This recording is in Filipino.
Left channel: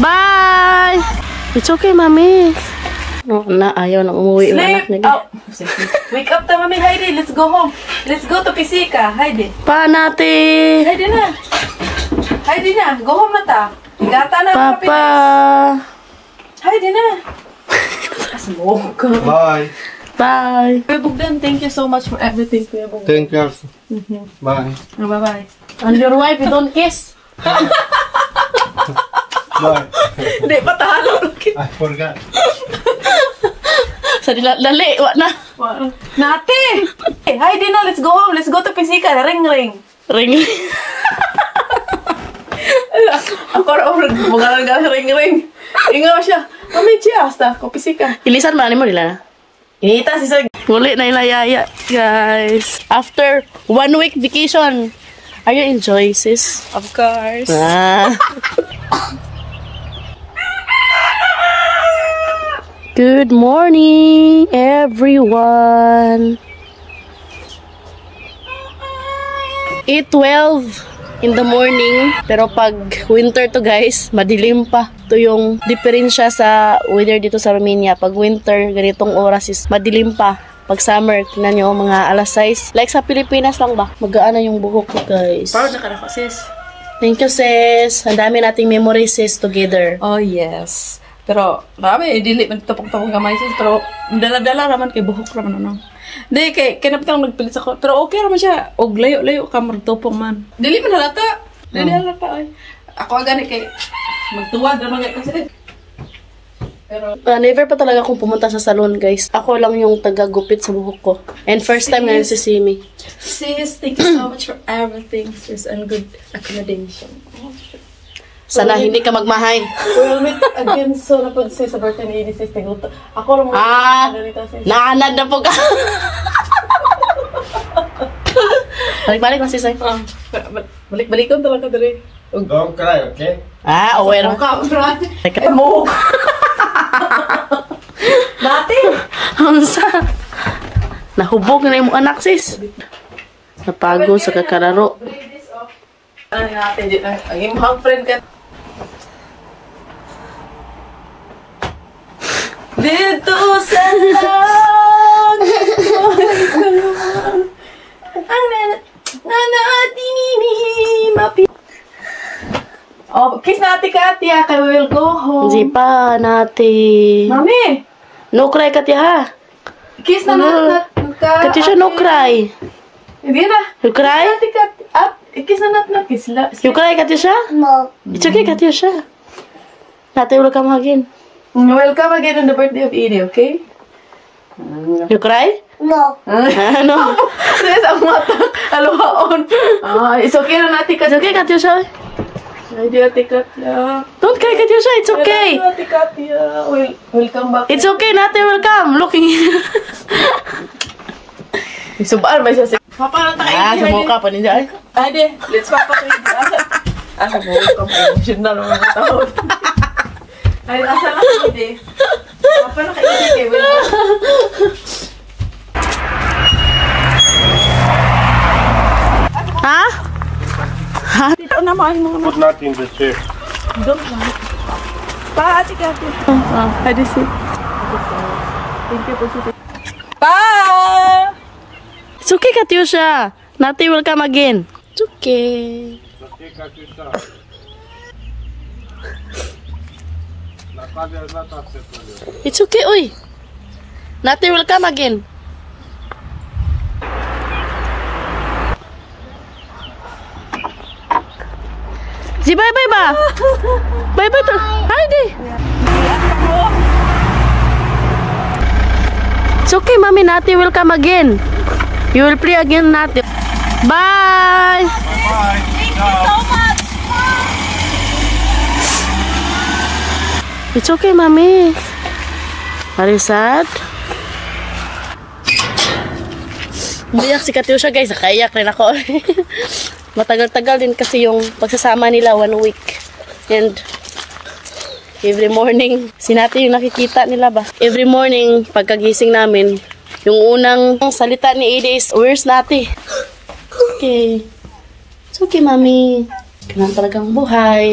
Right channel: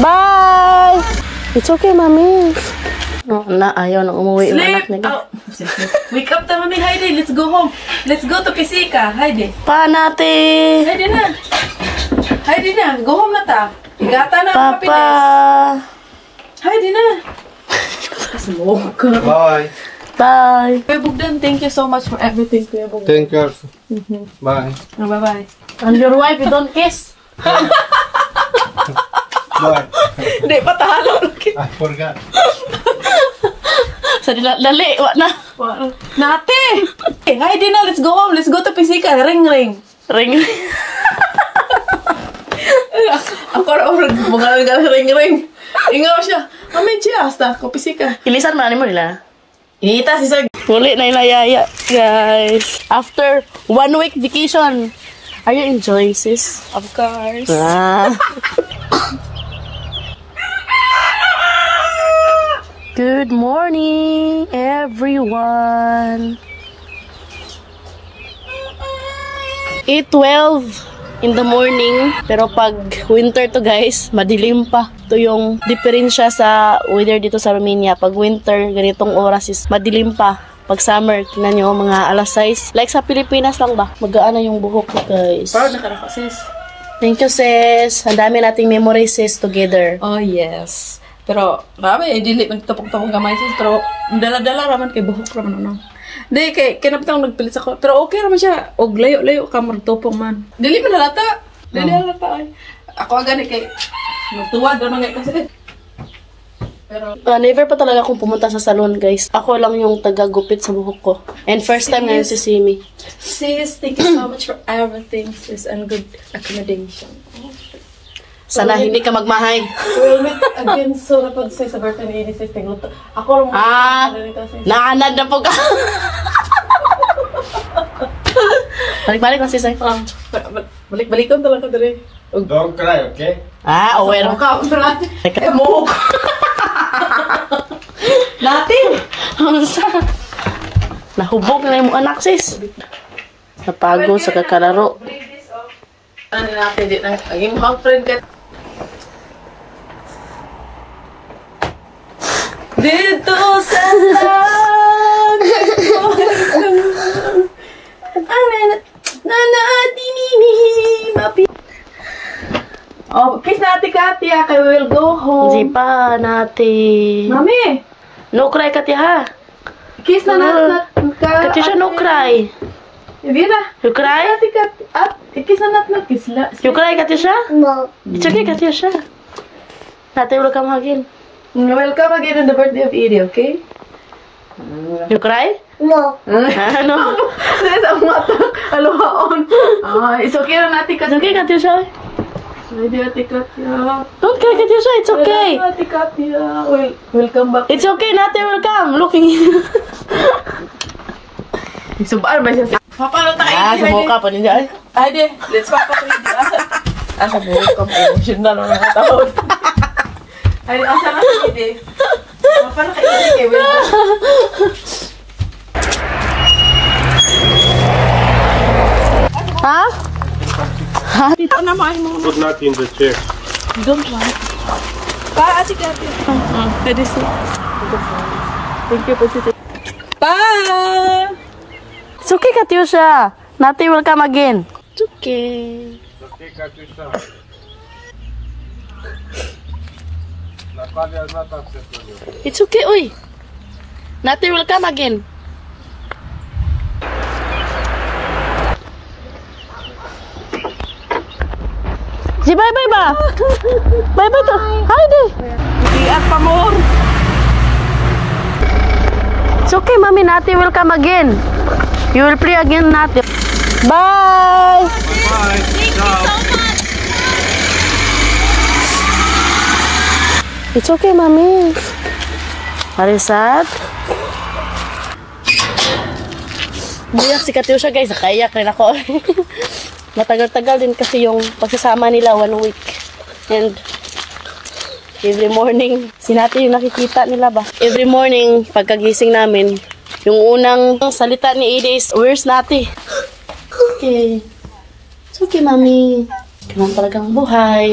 Bye! It's okay, Mami. Oh, ayaw nang umuwi yung anak nila. Wake up ta, Mami. Heidi, let's go home. Let's go to Pisika. Heidi. Pa natin. Heidi na. Heidi na. Go home na ta. Igata na. Papa. Heidi na. Smoke. Bye. Bye. Kuya Bugdan, thank you so much for everything, Kuya Bugdan. Thank you. Bye. Bye-bye. And your wife, you don't kiss. Bye. Hindi, patalo. I forgot. Sa lali, wala na. Nate! Heidi na, let's go home. Let's go to Pisika. Ring, ring. Ring. Ako rin, ring, ring. Ingaw siya. Mami, hasta. Ko Pisika. Ilisan mo, mo nila. Ita, si Sir. Muli na ilayaya, guys. After 1 week vacation, are you enjoying, sis? Of course. Ah. Good morning, everyone. 8:12 in the morning. Pero pag winter to, guys, madilim pa. Ito yung diferensya sa weather dito sa Romania. Pag winter, ganitong oras is madilim pa. Pag summer, tingnan nyo, mga alas 6. Like sa Pilipinas lang ba? Magaan na yung buhok ko, guys. Proud na ka na po, sis. Thank you, sis. Ang dami nating memories, sis, together. Oh, yes. Pero, marami, dili, nagtapong-tapong gamay, sis. Pero, dala-dala raman kay buhok raman, ano. Hindi, kay napitang nagpilit ako. Pero okay raman siya. Og layo-layo ka, martupong man. Dili man halata. Dili halata, ay. Ako agani kay, magtuwad raman nga kasi. Pero, never pa talaga akong pumunta sa salon, guys. Ako lang yung taga-gupit sa buhok ko. And first time ngayon si Simi. sis, thank you so much for everything, sis, and good accommodation. Sana hindi ka magmahay. We'll meet again soon upon sis sa birthday ni Edie, sis. Tingluto. Ako lang naanad na po ka. Balik-balik na, sis. Balik-balikon talaga dali. Don't cry, okay? Aware. Ka, brad. Mo. Dati. Nahubog na yung anak, sis. Napagod sa kakararo. Ano natin din. Aging mga friend ka. Dito sa oh, kiss natin ka, Tia. Kaya we'll go home. Hindi pa natin. Mami! No cry, Katya, ha? Kiss na natin ka. Katya siya, no cry. Hindi na. You cry? Kiss na natin. Kiss na. You cry, Katya siya? No. It's okay, Katya siya. Natin will come again. Welcome again in the birthday of Edie, okay? You cry? No. Ano? Sis, ang mata. Alawaon. It's okay na natin ka. It's okay, Katya siya. Hindi natin Katya. Don't cry, Katya siya. It's okay. Natin Katya. Welcome back. It's okay, natin will come. Looking. Subaan ba siya? Papa, na tayo. sumuka pa ninja. Ay, de. Let's papa ko hindi. Asa mo? Emotional ng mga tao. Ay, asa na kayo, de. Papa, na kayo, de. Ha? Dito naman mo. Put not in the chair. Don't want. Para ati Katya. Ay, de, see. Thank you po, Titi. Bye! It's okay, Katyusha. Natin will come again. It's okay. Okay, Katyusha. Natalia is not upset with you. It's okay, uy. Natin will come again. Si bye-bye ba? Bye-bye to. Heidi. It's okay, Mami. Nati will come again. You will play again, Nati. Bye! Bye. It's okay, Mami. Are you sad? Umiyak si Katyusha, guys. Nakaiyak rin ako. Matagal-tagal din kasi yung pagsasama nila 1 week. And every morning, sinati yung nakikita nila ba? Every morning, pagkagising namin, yung unang salita ni Edie is, where's Nati? Okay. It's okay, Mami. Ganun talagang buhay.